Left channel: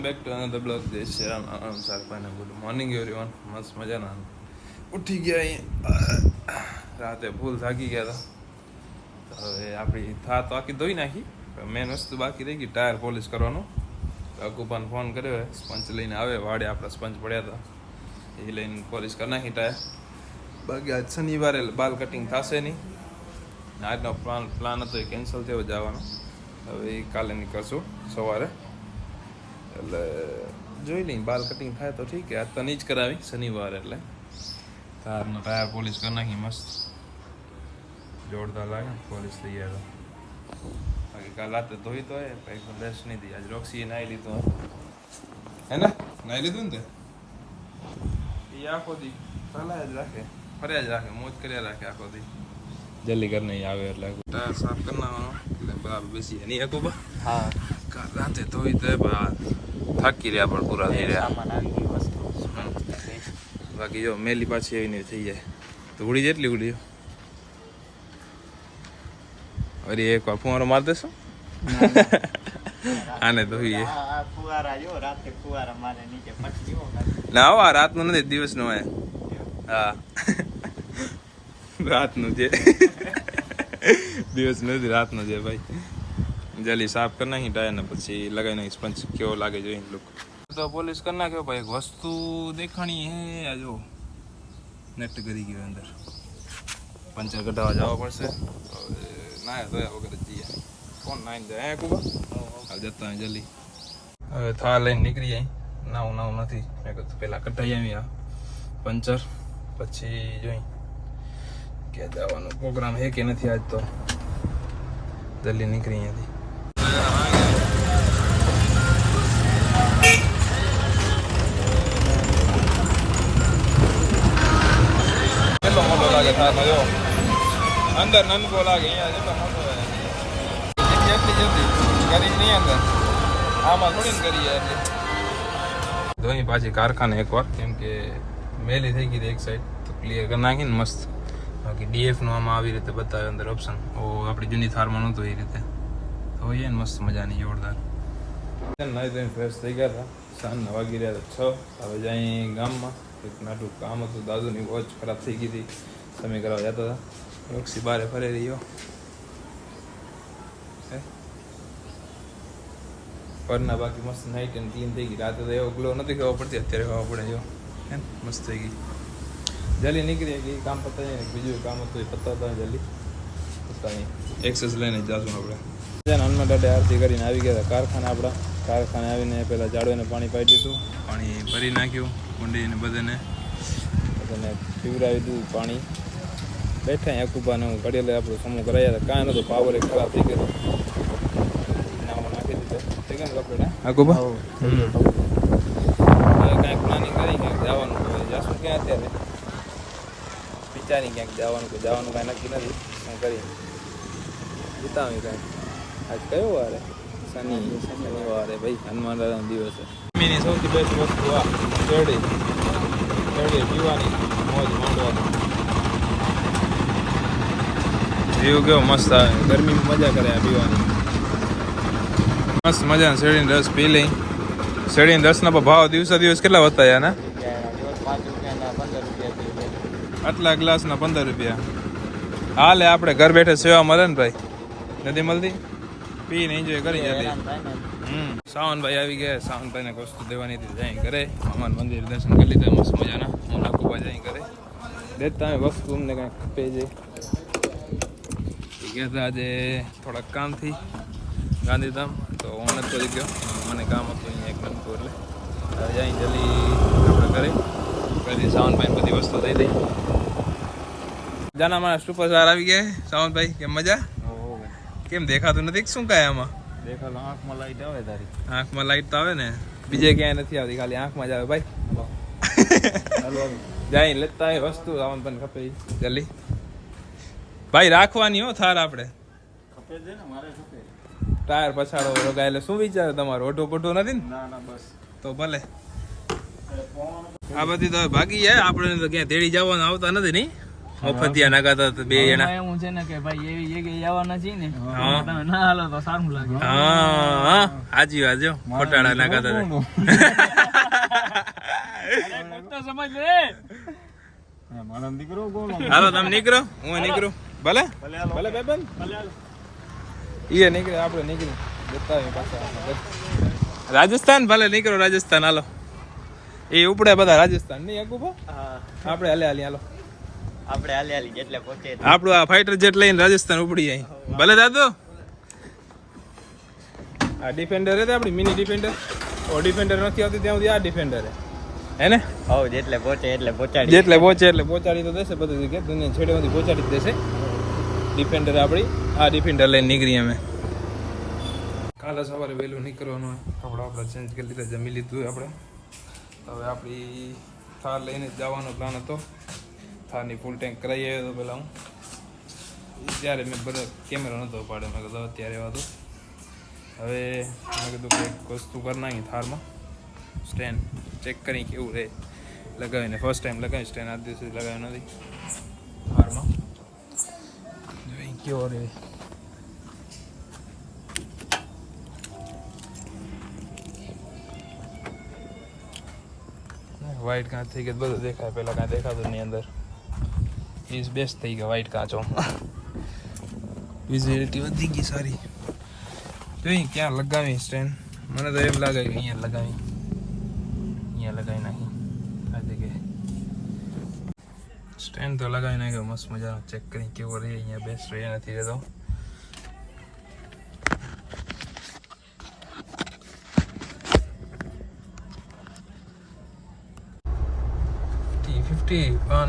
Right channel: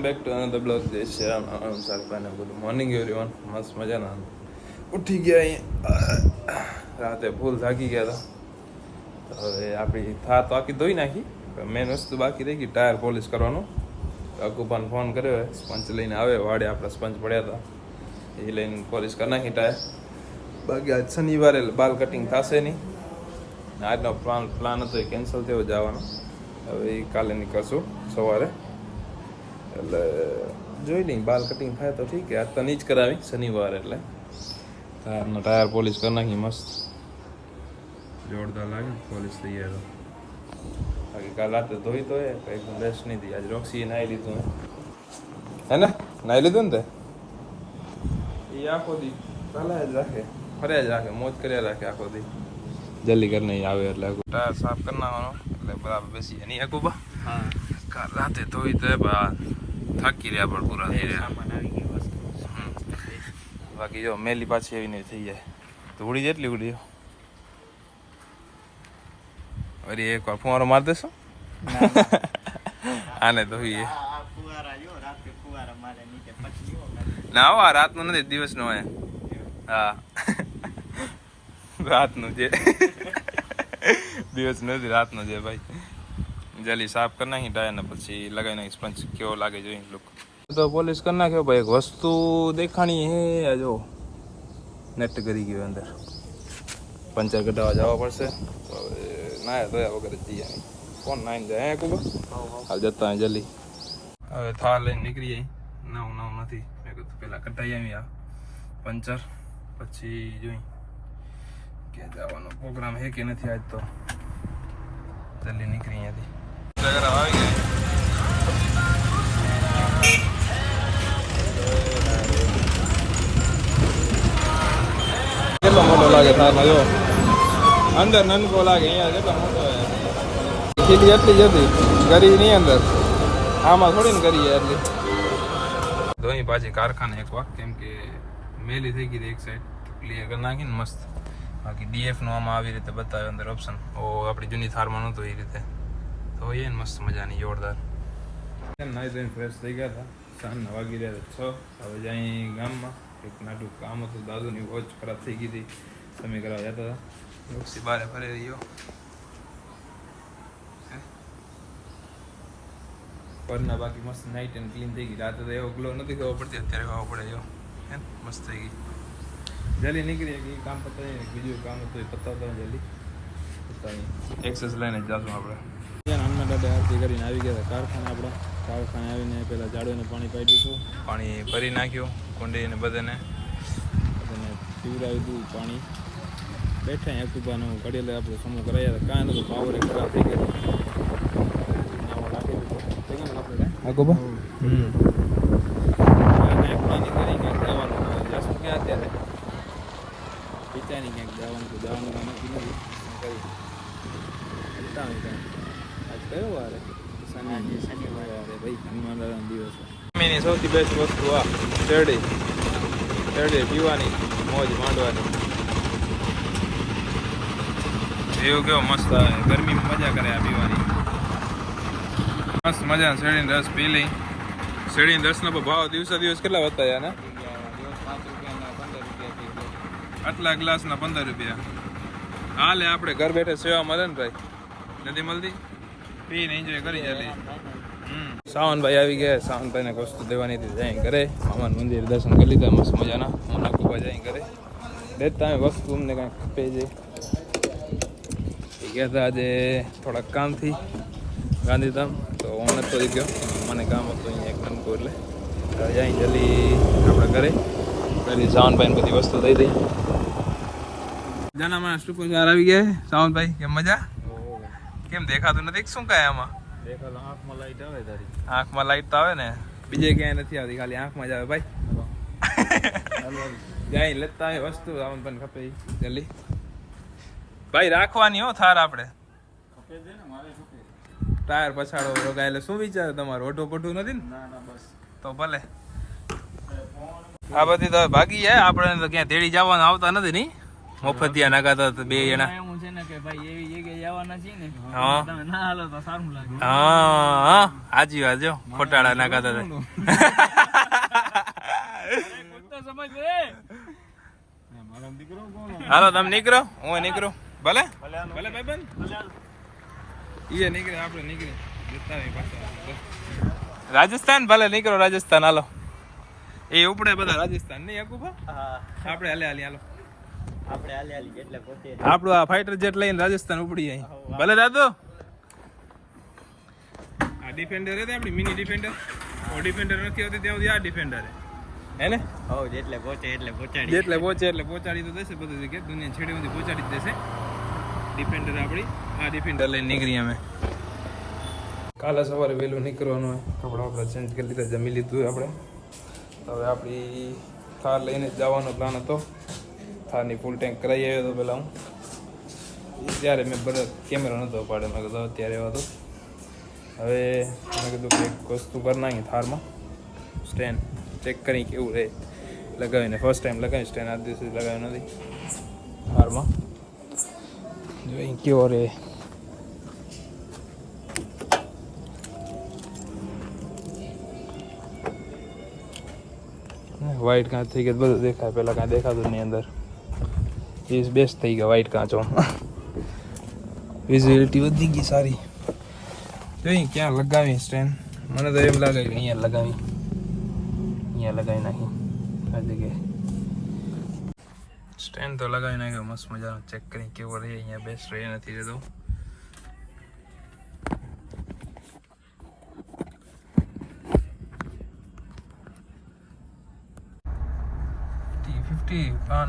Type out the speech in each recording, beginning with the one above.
Back to another blog. જય શ્રી રામ. સારભાઈને good morning everyone. મસ્ત મજાના ઉઠી ગયા અહીંયા. રાતે ફૂલ થાકી ગયા હતા. તો હવે આપણી થાર તો આખી ધોઈ નાખી. મેન વસ્તુ બાકી રહી ગઈ ટાયર પોલિશ કરવાનું. અકુપાને ફોન કર્યો હોય સ્પંચ લઈને આવે. વાડે આપણા સ્પંચ પડ્યા હતા એ લઈને પોલિશ કરી નાખી ટાયર. બાકી આજ શનિવારે બાલ કટિંગ થશે નહીં. આજનો પ્લાન હતો એ કેન્સલ થયો જવાનો. હવે એ કાલે નીકળશું સવારે. એટલે જોઈ લઈ બાલ કટિંગ થાય તો ઠીક. આજ તો નહીં જ કરાવી શનિવાર એટલે કારનો ટાયર પોલિશ કરી નાખી. મસ્ત જોરદાર લાગે પોલિશ થઈ ગયા. બાકી કાલ રાતે ધોઈ તો એકદમ રેસ્ટ નહીં થઈ. આજ રોક્સીએ નાહી લીધું હે ને નાહી લીધું ને તે એ આખો દી પહેલાં જ રાખે ફર્યા જ રાખે મોજ કર્યા રાખે આખો દી. જલ્દી કરીને આવે એટલે ટાયર સાફ કરી નાખવાનો એટલે બરાબર બેસીએ નહીં હકુબા. હા કાલ રાતે ધોઈ તો થાકી રહ્યા પણ પૂરા થઈ રહ્યા. બાકી જો મેલી પાછી એવી નહીં થઈ જાય તો ઉડી જેટલી ઉડી. અરે એક વાર ફુવારો મારી દેશો આને ધોઈએ. ના આવા રાતનું નથી દિવસનું હોય. હા રાતનું છે દિવસ નથી રાતનું છે ભાઈ. જલ્દી સાફ કરી નાખી ટાયર ને પછી લગાવી નાખી સ્પંચ કેવો લાગે જોઈ લુક. તો પોલિશ કરી નાખ્યો ભાઈ. એક વસ્તુ દેખાણી હે જો નેટ કરી ગયો અંદર. પંચર કઢાવવા જવા પડશે તો હવે નાયા ધોયા વગર જઈએ. કોણ નાઈને જાય હે કુબા હાલ જતા જલ્દી. હવે થાર લઈને નીકળી જાય. નાવું નથી મેં કીધું પેલા કઢાઈ આવી આ પંચર પછી જોઈ ક્યાં જવાનો પ્રોગ્રામ હે કે નથી આજ. તો જલ્દી નીકળી અહીંયાથી. આવી ગયા કેટલો મોટો લાગે થારમાં જો. અંદર નનકો લાગે અહીંયા કેટલો મોટો કેટલી એટલી જલ્દી કરી નહીં અંદર. આમાં થોડી ને કરીએ એટલે ધોઈ પાછી કારખાને એકવાર કેમ કે મેલી થઈ ગઈ એક સાઈડ તો ક્લિયર કરી નાખીને મસ્ત. બાકી ડીએફનું આમાં આવી રીતે બતાવે અંદર ઓપ્શન. આપણી જૂની થારમાં નહોતું એ રીતે તો હોય ને મસ્ત મજાની જોરદાર. નાહી ધોઈને ફ્રેશ થઈ ગયા હતા. સાંજના વાગી રહ્યા હતા 6. હવે જાય ગામમાં એક નાટું કામ હતું. દાદુની વોચ ખરાબ થઈ ગઈ હતી સમય કરવા જતા હતા. રોક્સી બારે ફરી રહ્યો. ઘરના બાકી મસ્ત નાઇટ એન્ડ ક્લીન થઈ ગઈ. રાતે તો એવો ગ્લો નથી ખબર પડતી અત્યારે ખબર પડે જો હે મસ્ત થઈ ગઈ. જલ્દી નીકળી ગઈ કામ પતાવી ને બીજું કામ હતું એ પતાવતા જલ્દી પતાવી એક્સેસ લઈને જ જાશું આપણે. હનુમાન દાદા આરતી કરીને આવી ગયા હતા કારખાને. આપણા કારખાને આવીને પહેલાં ઝાડુને પાણી પાઈ દીધું. પાણી ભરી નાખ્યું કુંડીને બધાને પીવડાવી દીધું પાણી. બેઠા અકુબાનું ઘડેલે આપણું સમૂહ કરાયા હતા. કાંઈ નહોતું પાવર એક ખરાબ થઈ ગયો. નાખી દીધું થઈ ગયું ને કપડે અકુબા કાંઈક પ્લાનિંગ કરી ક્યાંક જવાનું જશું ક્યાં અત્યારે વિચારી ક્યાંક જવાનું કાંઈ નક્કી નથી. શું કરીએ વિતાવી કાંઈ. આજ કયો વાર શનિવારે ભાઈ હનુમાન દાદાનો દિવસ છે. એની સૌથી બેસ્ટ વસ્તુ આ શેરડી પીવાની મોજ માંડવાની. એવું કેવો મસ્ત આવે. ગરમીમાં મજા કરે આ પીવાની મસ્ત મજા. શેરડીનો રસ પી લઈ. શેરડીનો રસના ભાવ દિવસે દિવસ કેટલા વધતા યા ને. આટલા ગ્લાસના 15 રૂપિયા. હાલે આપણે ઘર બેઠે સેવા મળે ને ભાઈ. નથી મળતી પીને એન્જોય કરી જતી. સાવનભાઈ આવી ગયા. સાવનભાઈને વસ્તુ દેવાની હતી જાય ઘરે. મામાનું મંદિર દર્શન કરી લીધા મસ્ત મજાના. હું નકુબા જાય ઘરે દેતા વસ્તુ અમને કાંઈક ખપે છે. એ ગયા હતા આજે થોડાક કામથી ગાંધીધામ તો હું નતો ગયો. મને કામ હતું અહીંયા એક નમકું એટલે હવે જાય જલ્દી આપણે ઘરે. પહેલી સાવનભાઈને બધી વસ્તુ દઈ દઈ. જાના મારા સુપરસ્ટાર આવી ગયા. સાવનભાઈ કેમ મજા? કેમ દેખાતું નથી શું કાંઈ આમાં? દેખાતો આંખમાં લાઈટ આવે તારી. આંખમાં લાઈટ તો આવે ને બીજે ક્યાંય નથી આવતી ખાલી આંખમાં જ આવે ભાઈ. જાય લેતા આવે વસ્તુ સાવનભાઈને ખપે જલ્દી ભાઈ. રાખવાની હો થાર આપણે ખપે છે ને મારે ખપે. ટાયર પછાડો રોગાય એટલે શું વિચારે તમારો? ઓઢો પોઢો નથી ને? ના બસ તો ભલે. આ બધી તો ભાગી જાય આપણે ક્યાં તેડી જવાનું આવતા નથી નહીં. મફતિયા નાખાતા તો બે જણા એવું છે ને કે ભાઈ એવી જગ્યાએ જવાના છીએ ને હા. તમે ના હાલો તો સારું લાગે. હા હાજી વાત જો ખોટાડા નાખાતા હતા. અરે કોઈ તો સમજ લે. હાલો તમે નીકળો હું નીકળું ભલે ભલે ભાઈ એ નીકળે આપણે નીકળી જતા આવીએ પાછા રાજસ્થાન ભલે નીકળો રાજસ્થાન હાલો એ ઉપડે બધા રાજસ્થાન નહીં અકુભા આપણે હાલે હાલી હાલો આપણે હાલી હાલી જેટલે પહોંચે આપણું આ ફાઈટર જેટ લઈને રાજસ્થાન ઉપડી જાય ભલે દાદુ આ ડિફેન્ડર હતી આપણી મિની ડિફેન્ડર ઓ ડિફેન્ડર નથી આવતી ત્યાં સુધી આ ડિફેન્ડર હે ને હવ જેટલે પહોંચે એટલે પહોંચાડી જેટલે પહોંચે એટલે પહોંચાડી તો દેશે બધું જગ્યાએ દુનિયા છેડેમાંથી પહોંચાડી જ દેશે ડિફેન્ડર આપણી આ ડિફેન્ડર લઈને નીકળી અમે કાલે સવારે વહેલું નીકળવાનું હોય કપડાં આપણા ચેન્જ કરી લીધા જમી લીધું આપણે હવે આપણી થાર લઈને જવાનો પ્લાન હતો થારની ફૂલ ટેન્ક કરાવી આવ્યો હતો પહેલાં હું ત્યારે મેં બધા કેમેરો નહોતો પાડ્યો મેં કીધું અત્યારે એવા તો હવે મેં કીધું કે એક વસ્તુ કરી નાખી થારમાં સ્ટેન્ડ ચેક કરી કેવું રહે લગાવીને ફર્સ્ટ ટાઈમ લગાવી સ્ટેન્ડ આ દિવસે લગાવ્યો નથી થારમાં જોઈ કેવો રહે વ્હાઈટ કાંચ થઈ ગઈ બધું દેખાય પહેલાં કાંઈ દેખાતું એની અંદર પીસ બેસ્ટ થઈ ગયા વ્હાઈટ કાંચો વિઝિબિલિટી વધી ગઈ સારી જોઈ ક્યાં લગાવી સ્ટેન્ડ મને તો એમ લાગે કે અહીંયા લગાવી નાખી આ જગ્યાએ સ્ટેન્ડ તો લગાવી નાખ્યો મસ્ત મજાનો ચેક કરી કેવો રહે અહીંયા બેસ્ટ રહે નથી રહેતો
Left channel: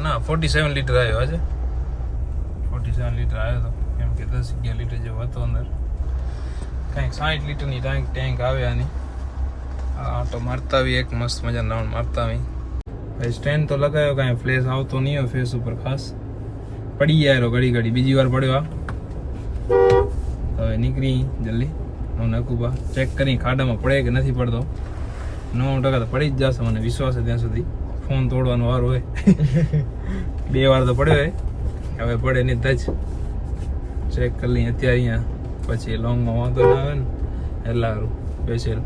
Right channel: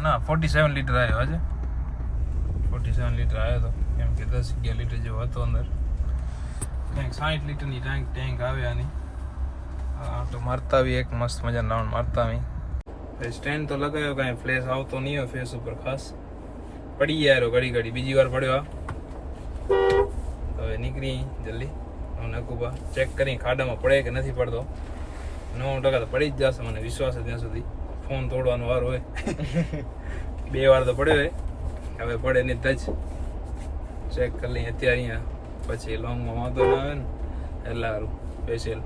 ના 47 લીટર આવ્યો આજે 47 લીટર આવ્યો હતો કેમ કે 10-11 લીટર જેવો હતો અંદર કંઈક 60 લીટરની ટેન્ક આવે આની તો મારતા આવી એક મસ્ત મજા રાઉન્ડ મારતા આવી ભાઈ સ્ટેન્ડ તો લગાવ્યો કાંઈ ફ્લેશ આવતો નહીં હોય ફેસ ઉપર ખાસ પડી ગયા ઘડી બીજી વાર પડ્યો આ હવે નીકળી જલ્દી હું નકુબા ચેક કરી ખાડામાં પડે કે નથી પડતો 9% તો પડી જ જશે મને વિશ્વાસ છે ત્યાં સુધી ફોન તોડવાનો વાર હોય 2 વાર તો પડ્યો હોય હવે પડે નહીં જ ચેક કરી લઈએ અત્યારે અહીંયા પછી લોંગમાં વાંધો ના આવે ને એટલે સારું સ્પેશિયલ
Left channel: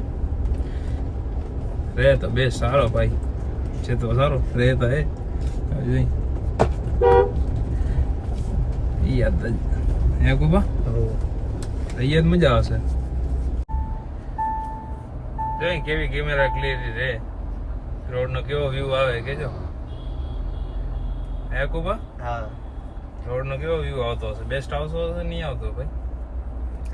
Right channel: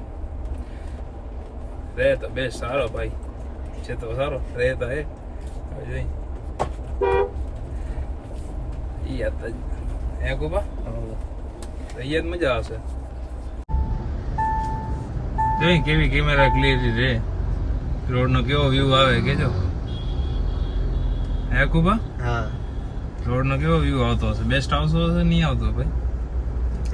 રહે તો બે સારો ભાઈ છે તો સારો રહે તો હે જોઈ યાદ હે કુબા યાદ મજા આવશે જોઈ કેવી કેમેરા ક્લિયરિટી રહે રોડ નો કેવો વ્યૂ આવે કેજો હે કુબા હા રોડ નો કેવો વ્યૂ આવતો હશે બેસ્ટ આવતો હશે નહીં આવતો ભાઈ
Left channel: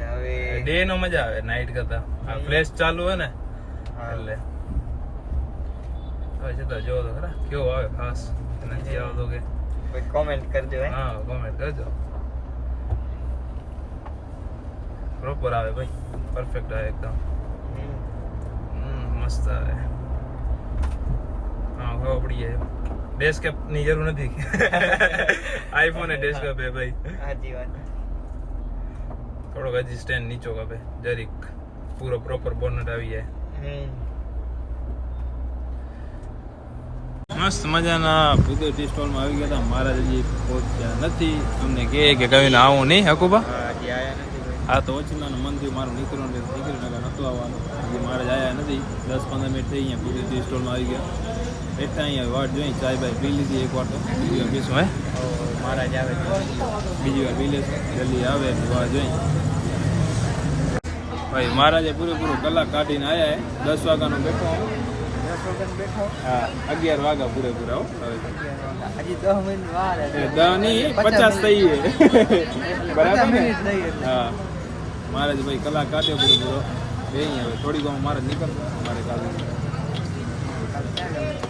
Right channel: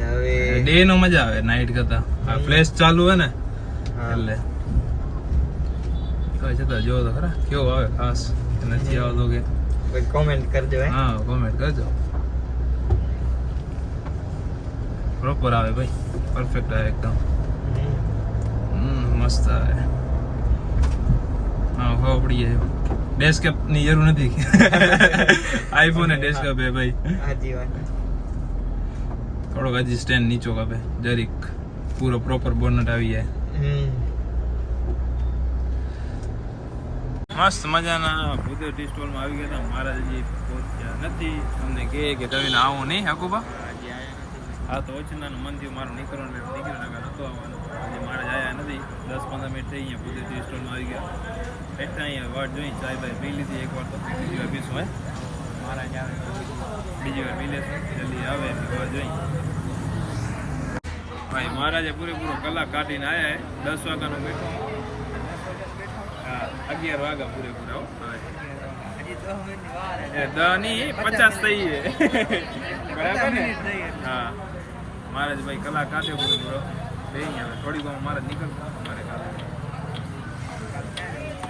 હવે ડે નો મજા આવે નાઈટ કરતા આ ફ્લેશ ચાલુ હે ને એટલે તો છતાં જો તો ખરા કેવો આવે ખાસ કે નથી આવતો કે કોઈ કોમેન્ટ કરજો હા કોમેન્ટ કરજો પ્રોપર આવે ભાઈ પરફેક્ટ આવે એકદમ મસ્ત આવે હા ખબર પડી જાય ડેસ્કટોપ ની જરૂર નથી આઈફોન એ ડેસ્કટોપ હે ભાઈ સાચી વાત થોડોક હજી સ્ટેન્ડ નીચો કાપે જરીક પૂરો પ્રોપર બોનટ આવી જાય મસ્ત મજાના ભૂદેવ ટી સ્ટોલમાં આવી ગયા હતા મારા હજી પહોંચ્યા નથી અમને કહે કે કહીને આવું નહીં હકુબા હજી આયા નથી આ તો ઓછીનાનું મન થયું મારું નીકળવાનું નીકળી નાખા નહોતું આવવાનું હજી મારે જ આવ્યા નથી 10-15 મિનિટ થઈ અહીંયા ભૂદેવ ટી સ્ટોલમાં આવી ગયા બેઠા અહીંયા વાટ જોઈ ચાય બાય પી લીધી એકવાર તો બીજી વાર પીશું હે મહારાજ આવે તો બીજી વાર પી લેશું જલ્દી આવે એની વાટ જોઈ ભાઈ મહારાજે પૂરેપૂરો કલાક કાઢીને આવ્યા હે 10 વાગ્યાનો બેઠો હું 10 વાગ્યાનો બેઠો હા 11 વાગ્યા પૂરેપૂરા હો હવે હજી 10 મિનિટની વાર છે 10 નહીં 50 થઈ બરાબર ને હા મહારાજ ભાઈ કલાક કાઢ્યો પૂરેપૂરો બે હવે થોડીક વાર મારે નીકળતો મારે કાલે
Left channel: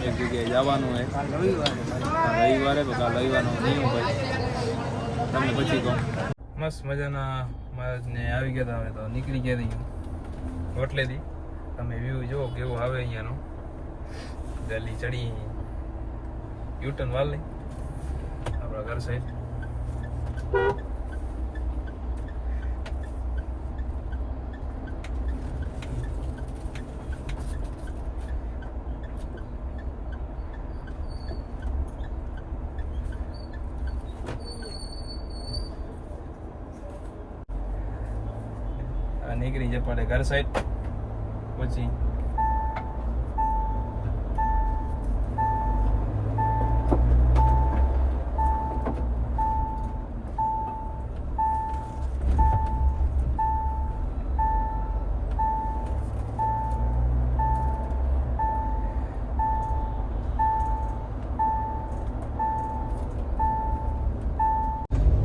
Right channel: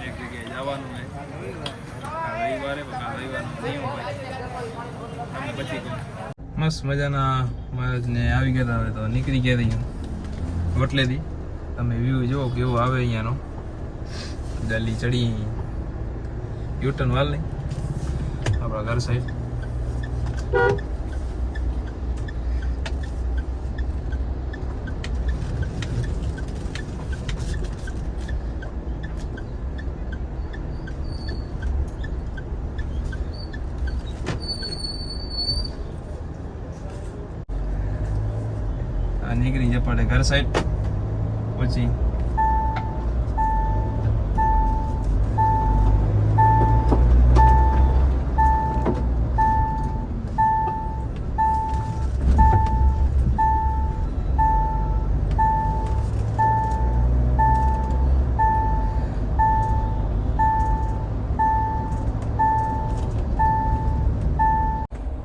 એક જગ્યાએ જવાનું હે રવિવારે કાલ રવિવારનો નિયમ ભાઈ તમને પછી કહું મસ્ત મજાના મહારાજને આવી ગયા હવે તો નીકળી ગયા હતી હોટલેથી તમે વ્યૂ જુઓ કેવો આવે અહીંયાનો દિલ્હી ચડી યુટર્ન વાલ નહીં આપણા ઘર સાઈડ આપણે ઘર સાઈડ પહોંચી.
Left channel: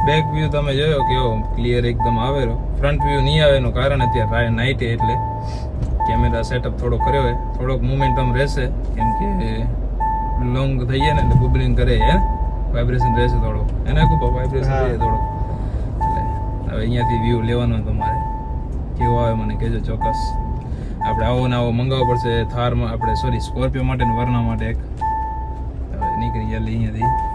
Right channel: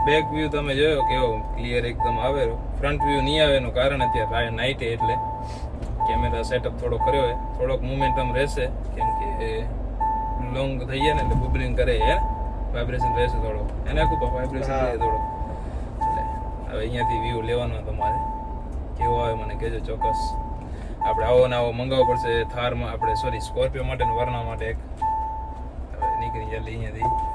બેક વ્યૂ તમે જોયો કેવો ક્લિયર એકદમ આવેલો. ફ્રન્ટ વ્યૂ નહીં આવે એનું કારણ અત્યારે નાઇટ એટલે કેમેરા સેટઅપ થોડો કર્યો હોય, થોડોક મોમેન્ટમ રહેશે કેમ કે લોંગ થઈ જાય ને એટલે બુબલિંગ કરે હે, વાઇબ્રેશન રહેશે થોડું, એને ખૂબ વાઇબ્રેશન રહે થોડું. એટલે હવે અહીંયાથી વ્યૂ લેવાનો તમારે કેવો આવે મને કહેજો ચોક્કસ. આપણે આવો ને આવો મંગાવવો પડશે થારમાં, આપણે સોરી સ્કોર્પિયો માટે ને વરના માટે એક. હવે નીકળી જલ્દી અહીંયાથી.